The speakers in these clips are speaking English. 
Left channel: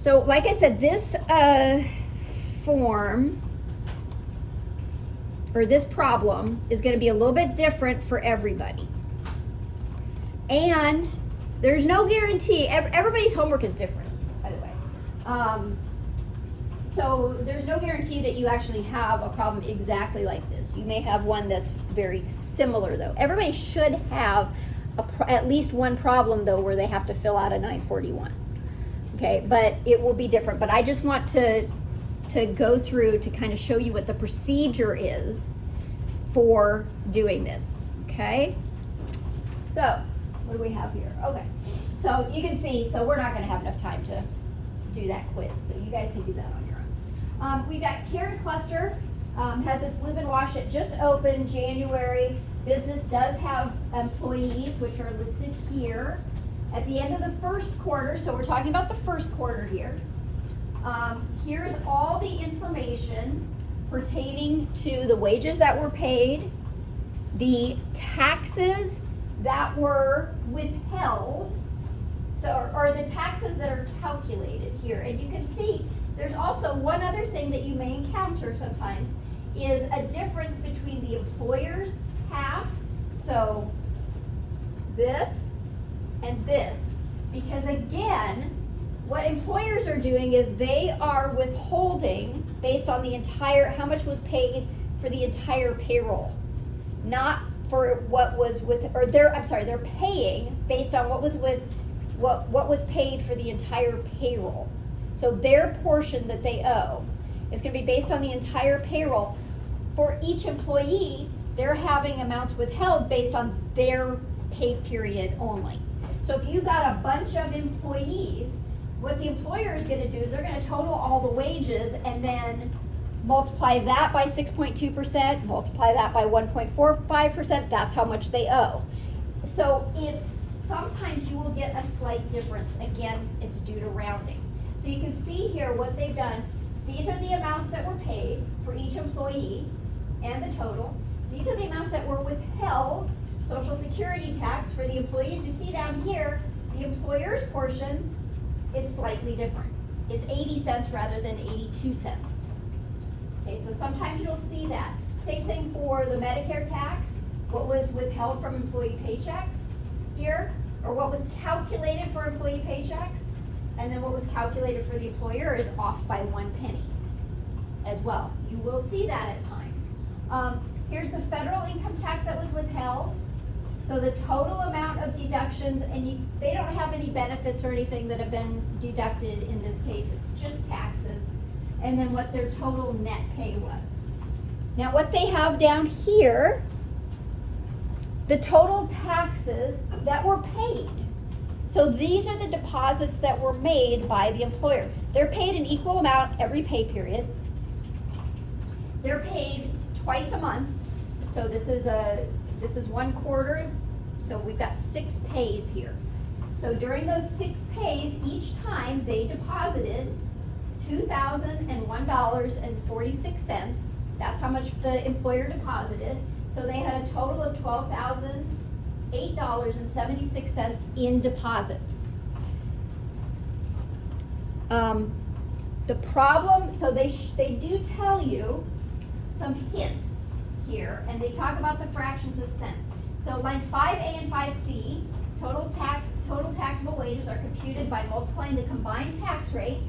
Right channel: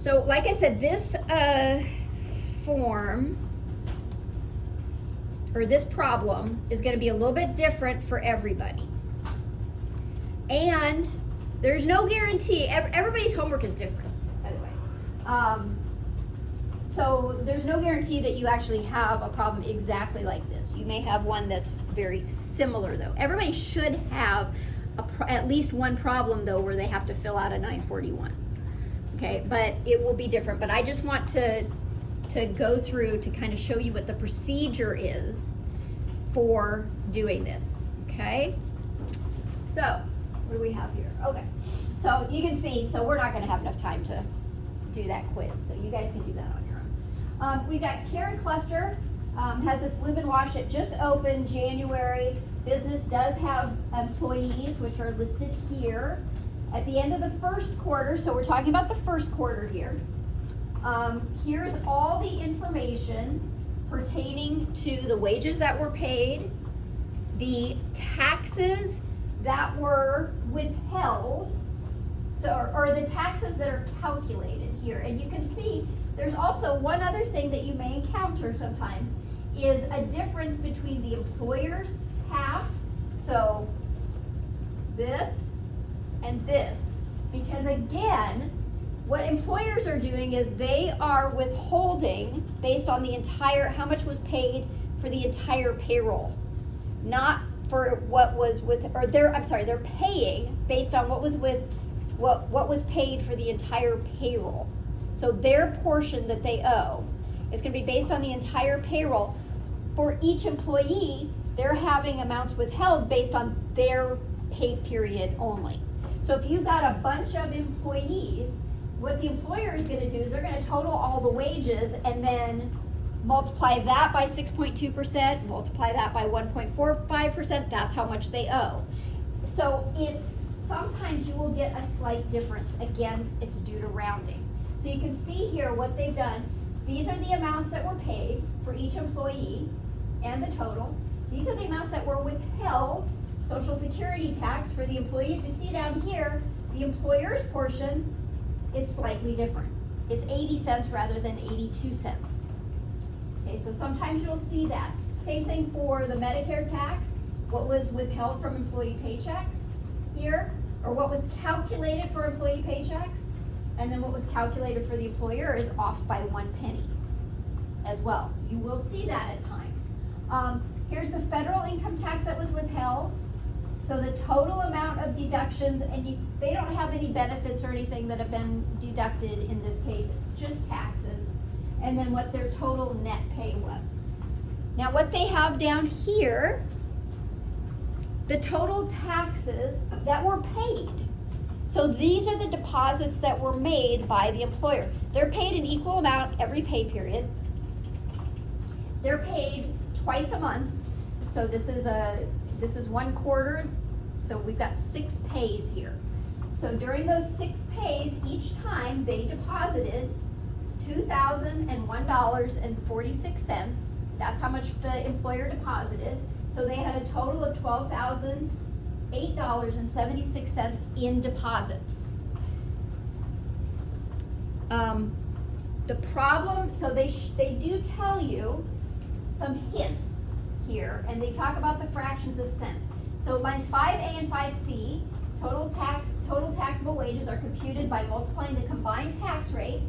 So like I said, this form, or this problem, is going to be a little bit different for everybody. And there's no guarantee. Everybody's homework is different, by the way. So there's no guarantee that you actually have a problem exactly like this. You may have one that's very similar, though. Everybody should have at least one problem, though, where they have to fill out a 941. Okay, but it will be different. But I just want to go through to kind of show you what the procedure is for doing this. Okay, so what do we have here? Okay, so you can see, so we're not going to have enough time to do that quiz, so you guys can do that on your own. We got Karen Cluster, has this Live and Wash that just opened January. Business does have employees, which are listed here. At the end of the first quarter, so we're talking about the first quarter here, here's all the information pertaining to the wages that were paid, the taxes that were withheld, so, or the taxes that are calculated here. And you can see there's also one other thing that you may encounter sometimes is a difference between the employer's half, so this and this, because again, what employers are doing is they are withholding based on the entire, how much was paid for the entire payroll, not for what was with, or they're paying based on what was with, what was paid for the entire payroll. So their portion that they owe is going to be based on the entire payroll. For each employee, they're having amounts withheld based on their pay period only. So if you've got a bunch of employees, what the employer is going to do is they're going to total all the wages and then multiply that by 6.2%, multiply that by 1.45%, that's how much they owe. So it's, sometimes you will get a slight difference. Again, it's due to rounding. So you can see here what they've done. These are the amounts that were paid for each employee and the total. These are the amounts that were withheld, Social Security tax for the employees. You see down here, the employer's portion is slightly different. It's 80 cents rather than 82 cents. Okay, so sometimes you'll see that. Same thing for the Medicare tax, what was withheld from employee paychecks here, or what was calculated for employee paychecks, and then what was calculated for the employer is off by 1 penny as well. You will see that at times. Here's the federal income tax that was withheld. So the total amount of deductions, and they don't have any benefits or anything that have been deducted in this case, it's just taxes, and then what their total net pay was. Now what they have down here, the total taxes that were paid. So these are the deposits that were made by the employer. They're paid an equal amount every pay period. They're paid twice a month. So this is 1 quarter, so we've got 6 pays here. So during those 6 pays, each time they deposited $2,001.46. That's how much the employer deposited. So they had a total of $12,008.76 in deposits. The problem, so they do tell you some hints here, and they talk about the fractions of cents. So lines 5A and 5C, total taxable wages are computed by multiplying the combined tax rate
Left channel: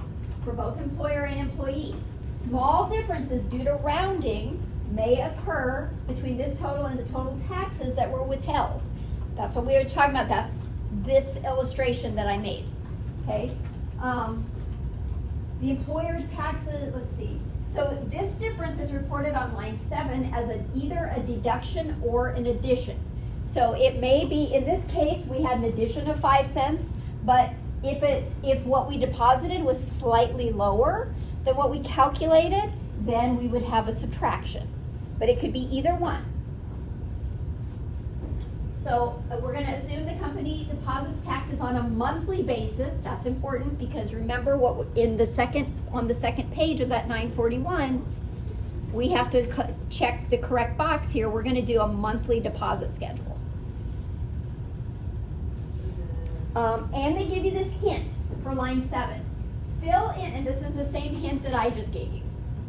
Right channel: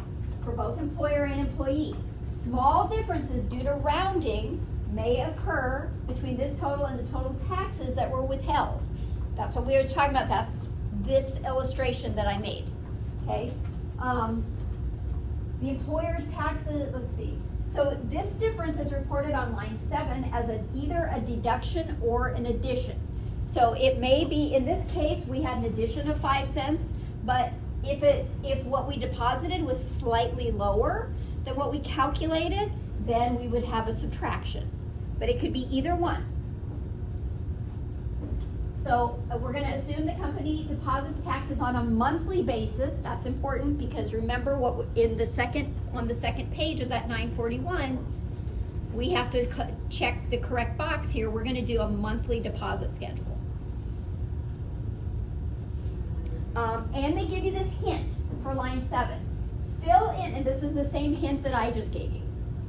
for both employer and employee. Small differences due to rounding may occur between this total and the total taxes that were withheld. That's what we were talking about. That's this illustration that I made. Okay. The employer's taxes, let's see. So this difference is reported on line 7 as either a deduction or an addition. So it may be, in this case, we had an addition of 5 cents, but if what we deposited was slightly lower than what we calculated, then we would have a subtraction. But it could be either one. So we're going to assume the company deposits taxes on a monthly basis. That's important because remember what on the second page of that 941, we have to check the correct box here. We're going to do a monthly deposit schedule. And they give you this hint for line 7. fill in, and this is the same hint that I just gave you.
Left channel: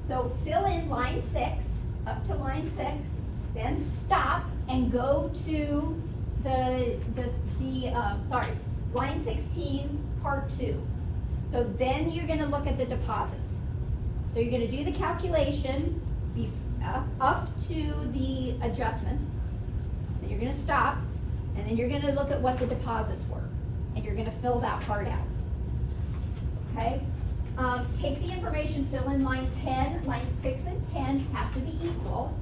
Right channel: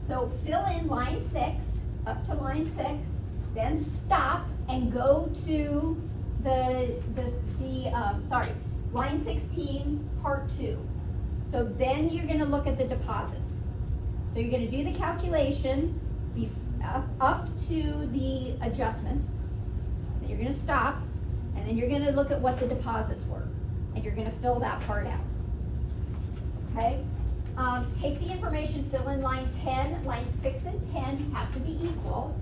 So fill in line 6, up to line 6, then stop and go to line 16, part 2. So then you're gonna look at the deposits. So you're gonna do the calculation up to the adjustment, then you're gonna stop, and then you're gonna look at what the deposits were, and you're gonna fill that part out. Okay? Take the information, fill in line 10, line 6 and 10 have to be equal.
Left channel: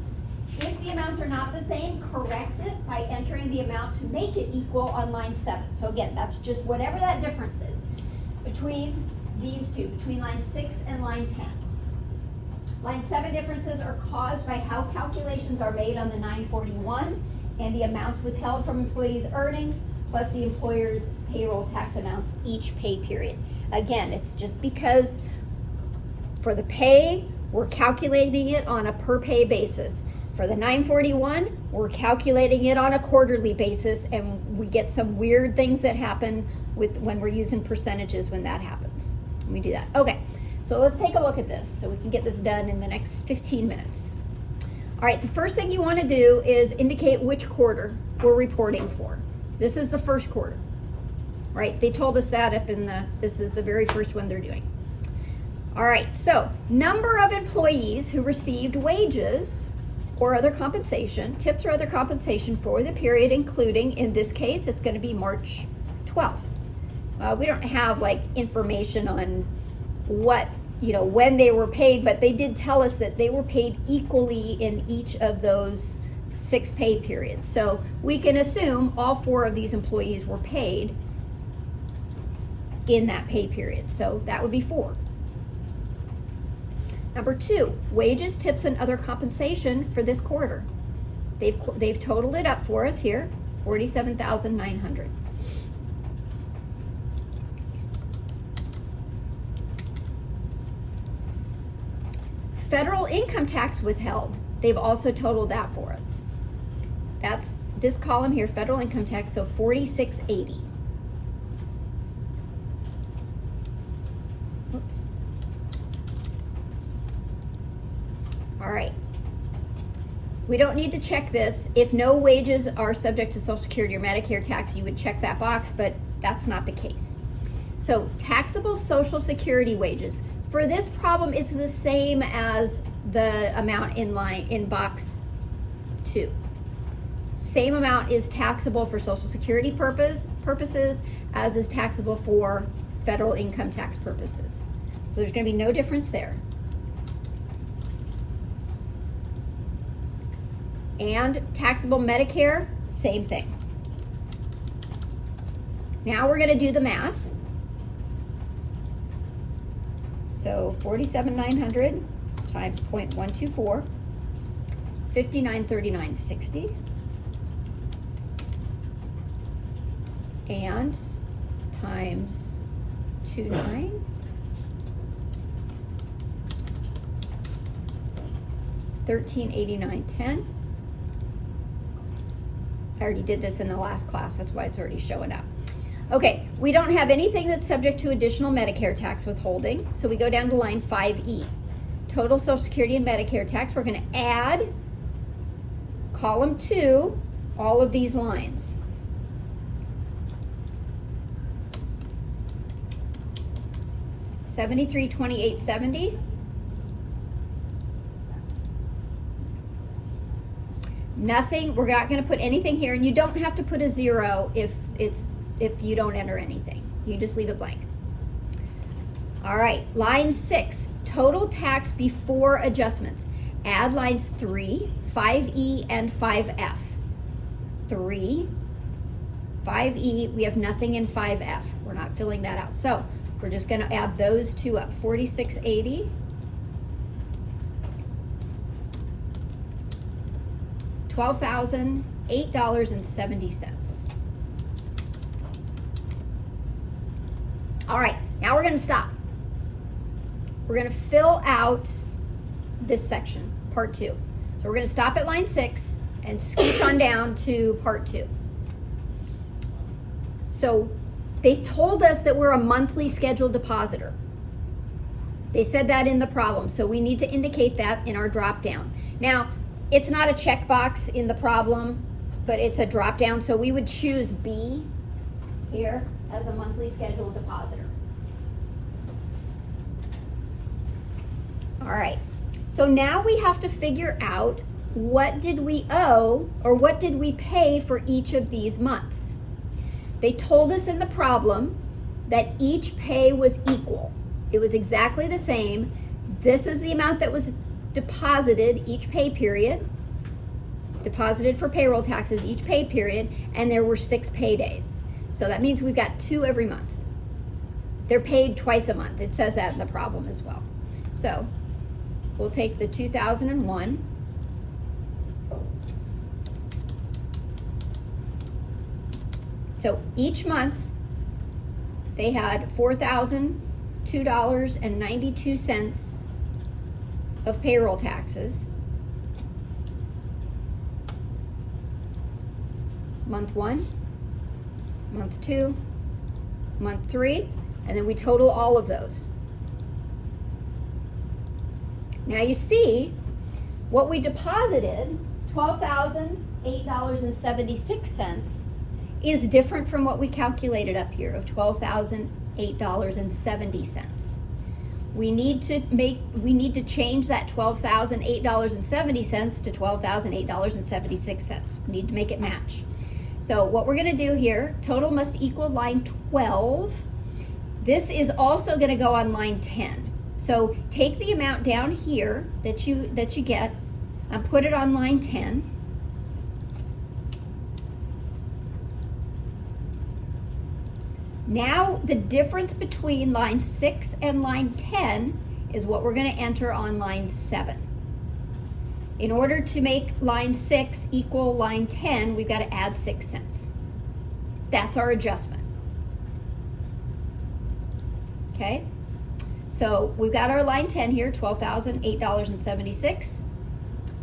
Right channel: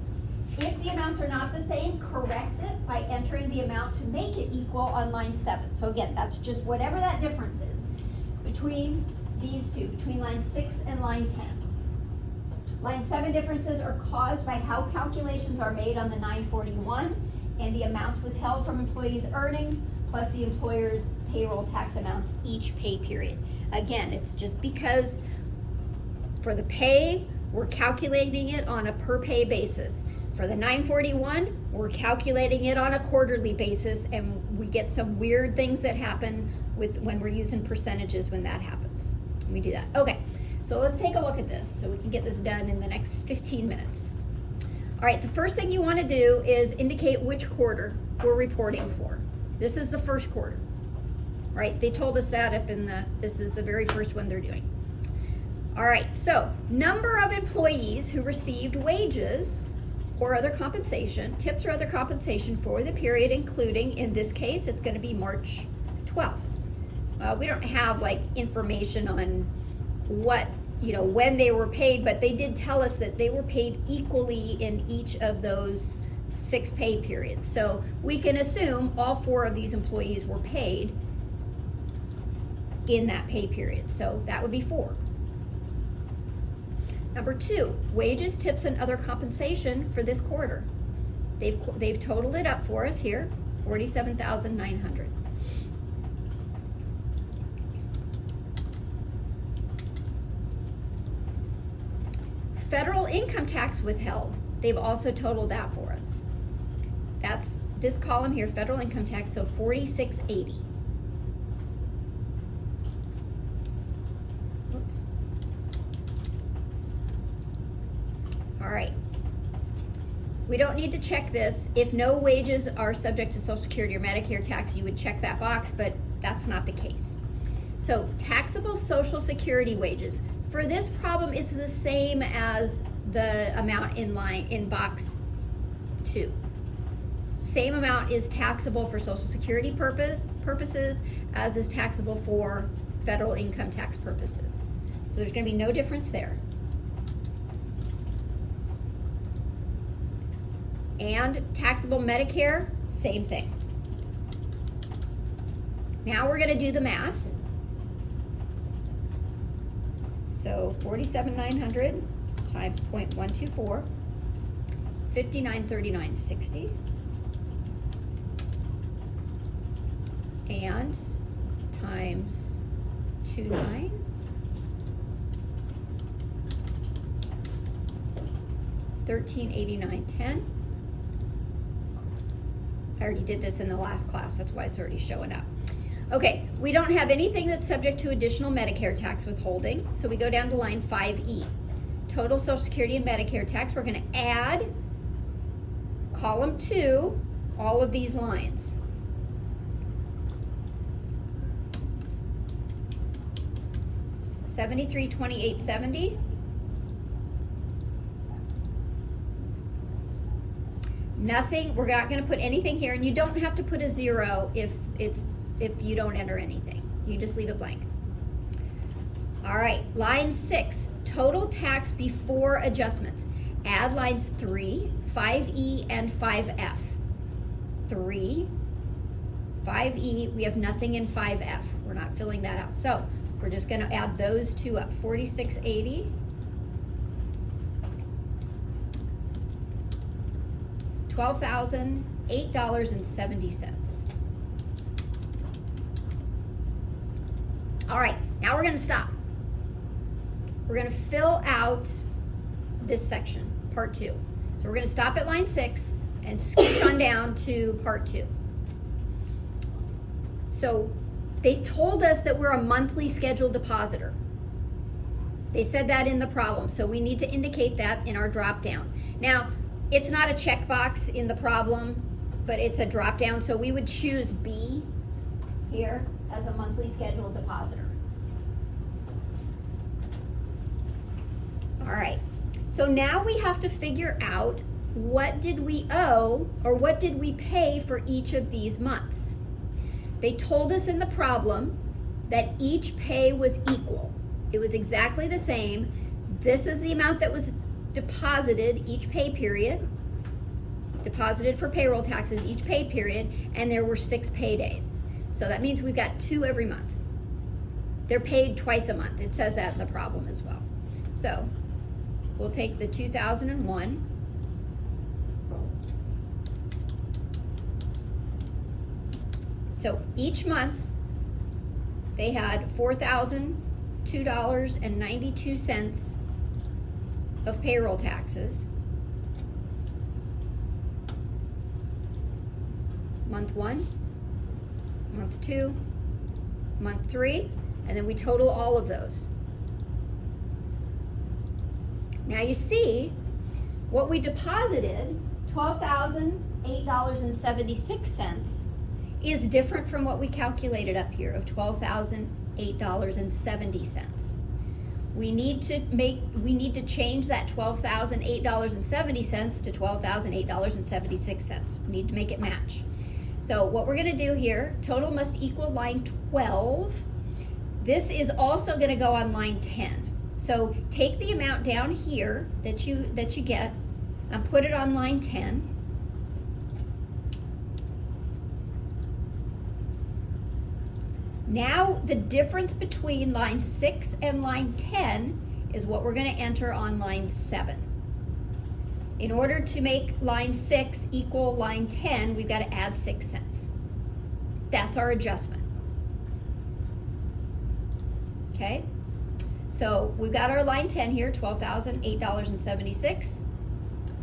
If the amounts are not the same, correct it by entering the amount to make it equal on line 7. So again, that's just whatever that difference is between these two, between line 6 and line 10. Line 7 differences are caused by how calculations are made on the 941 and the amounts withheld from employees' earnings plus the employer's payroll tax amounts each pay period. Again, it's just because for the pay, we're calculating it on a per pay basis. For the 941, we're calculating it on a quarterly basis, and we get some weird things that happen when we're using percentages when that happens. Let me do that. Okay, so let's take a look at this so we can get this done in the next 15 minutes. All right, the first thing you want to do is indicate which quarter we're reporting for. This is the first quarter, right? They told us that this is the very first one they're doing. All right, so number of employees who received wages or other compensation, tips or other compensation for the period, including, in this case, it's going to be March 12th. We don't have like information on what, when they were paid, but they did tell us that they were paid equally in each of those 6 pay periods. So we can assume all 4 of these employees were paid in that pay period. So that would be 4. Number 2, wages, tips, and other compensation for this quarter. They've totaled it up for us here, $47,900. Federal income tax withheld. They've also totaled that for us. That's this column here, federal income tax, so $46.80. Oops. All right. We don't need to check this. If no wages are subject to Social Security or Medicare tax, you would check that box, but that's not the case. So taxable Social Security wages. For this problem, it's the same as the amount in box 2. Same amount is taxable for Social Security purposes as is taxable for federal income tax purposes. So there's going to be no difference there. And taxable Medicare, same thing. Now we're going to do the math. So 47,900 times 0.124, 5939.60, and times 29, 1389.10. I already did this in the last class, that's why it's already showing up. Okay, we don't have anything that's subject to additional Medicare tax withholding, so we go down to line 5E. Total Social Security and Medicare tax, we're going to add column 2, all of these lines. $73,2870. Nothing, we're not going to put anything here, and you don't have to put a 0 if you don't enter anything. You just leave it blank. All right, line 6, total tax before adjustments. Add lines 3, 5E, and 5F. 3, 5E, we have nothing in 5F. We're not filling that out. So we're just going to add those 2 up, 4680. $12,008.70. All right, now we're going to stop. We're going to fill out this section, part 2. So we're going to stop at line 6 and scooch on down to part 2. So they told us that we're a monthly scheduled depositor. They said that in the problem, so we need to indicate that in our drop down. Now, it's not a checkbox in the problem, but it's a drop down, so we would choose B here as a monthly scheduled depositor. All right, so now we have to figure out what did we owe or what did we pay for each of these months. They told us in the problem that each pay was equal. It was exactly the same. This is the amount that was deposited each pay period, deposited for payroll taxes each pay period, and there were 6 paydays. So that means we've got 2 every month. They're paid twice a month. It says that in the problem as well. So we'll take the 2001. So each month they had $4,002.92 of payroll taxes. Month 1, month 2, month 3, and then we total all of those. Now you see what we deposited, $12,008.76, is different from what we calculated up here of $12,008.70. We need to change that $12,008.70 to $12,008.76. We need to make it match. So what we're going to do here, total must equal line 12. This is also going to go on line 10. So take the amount down here that you get and put it on line 10. Now the difference between line 6 and line 10 is what we're going to enter on line 7. In order to make line 6 equal line 10, we've got to add 6 cents. That's our adjustment. Okay? So we've got our line 10 here, $12,008.76.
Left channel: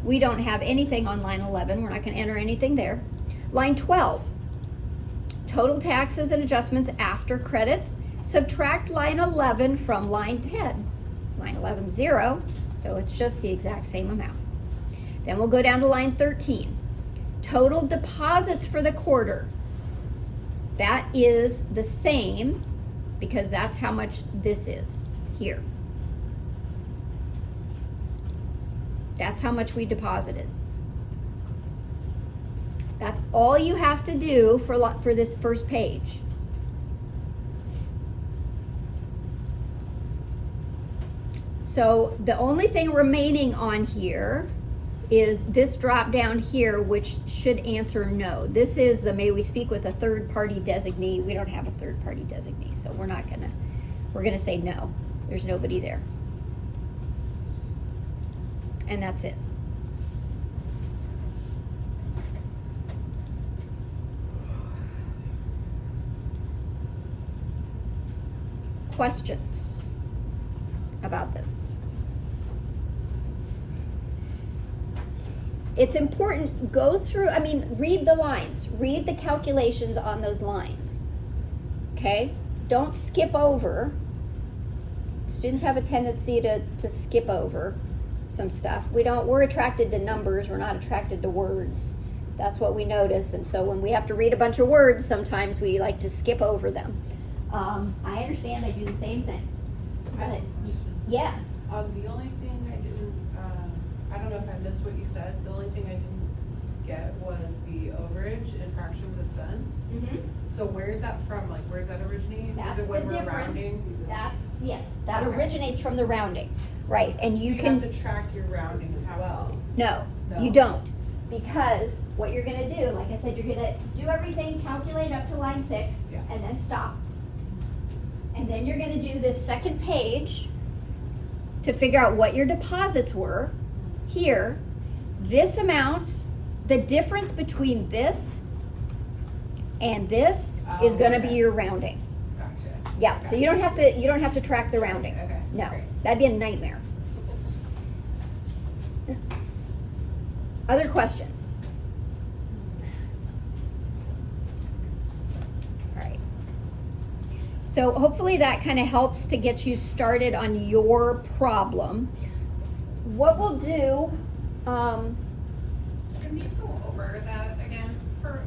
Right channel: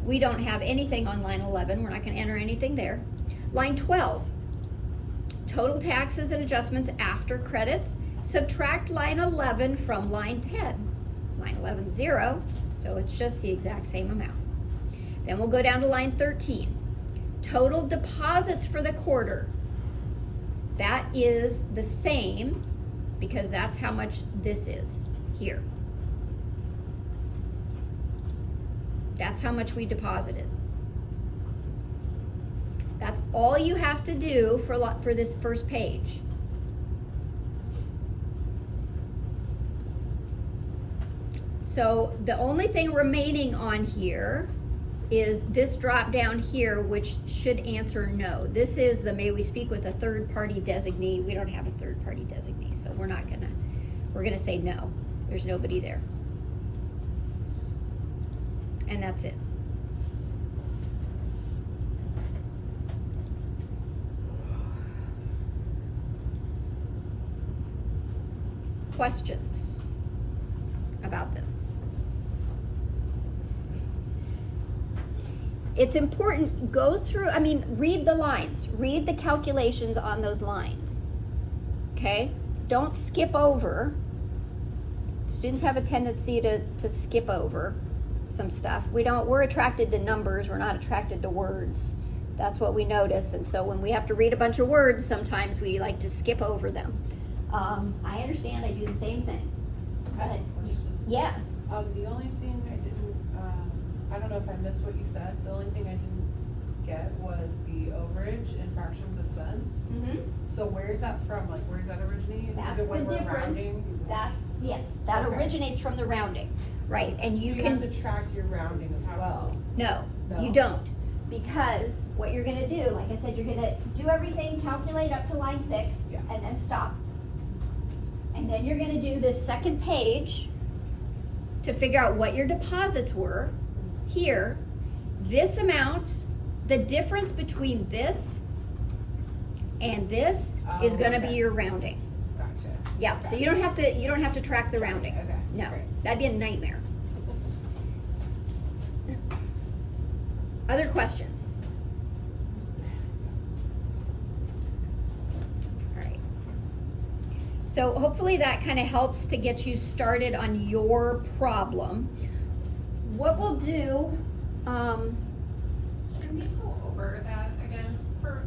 We don't have anything on line 11. We're not going to enter anything there. Line 12, total taxes and adjustments after credits. Subtract line 11 from line 10. Line 11 is 0, so it's just the exact same amount. Then we'll go down to line 13. Total deposits for the quarter. That is the same because that's how much this is here. That's how much we deposited. That's all you have to do for this first page. So the only thing remaining on here is this drop down here, which should answer no. This is the may we speak with a third party designee. We don't have a third party designee, so we're gonna say no. There's nobody there. And that's it. Questions about this? It's important, read the lines, read the calculations on those lines, okay? Don't skip over. Students have a tendency to skip over some stuff. We're attracted to numbers, we're not attracted to words. That's what we notice, and so when we have to read a bunch of words, sometimes we like to skip over them. I understand, I do the same thing. Go ahead. Yeah. The only thing I didn't, I don't know if I missed what you said, the only thing I didn't get was the overage in fractions of cents. Mm-hmm. So where is that from? Like, where does that originate? That's is it the when we're difference. rounding? Yes, that Okay. originates from the rounding, right? And you so can have to track your rounding as well. No, you don't. Because what you're gonna do, like I said, you're gonna do everything, calculate up to line 6, Yeah. and then stop. And then you're gonna do this second page to figure out what your deposits were. Here, this amount, the difference between this and this is gonna be your rounding. Gotcha. Yeah, so you don't have to track the rounding. Okay. No, Great. that'd be a nightmare. Other questions? All right. So hopefully that kind of helps to get you started on your problem. What we'll do, Can you go over that again for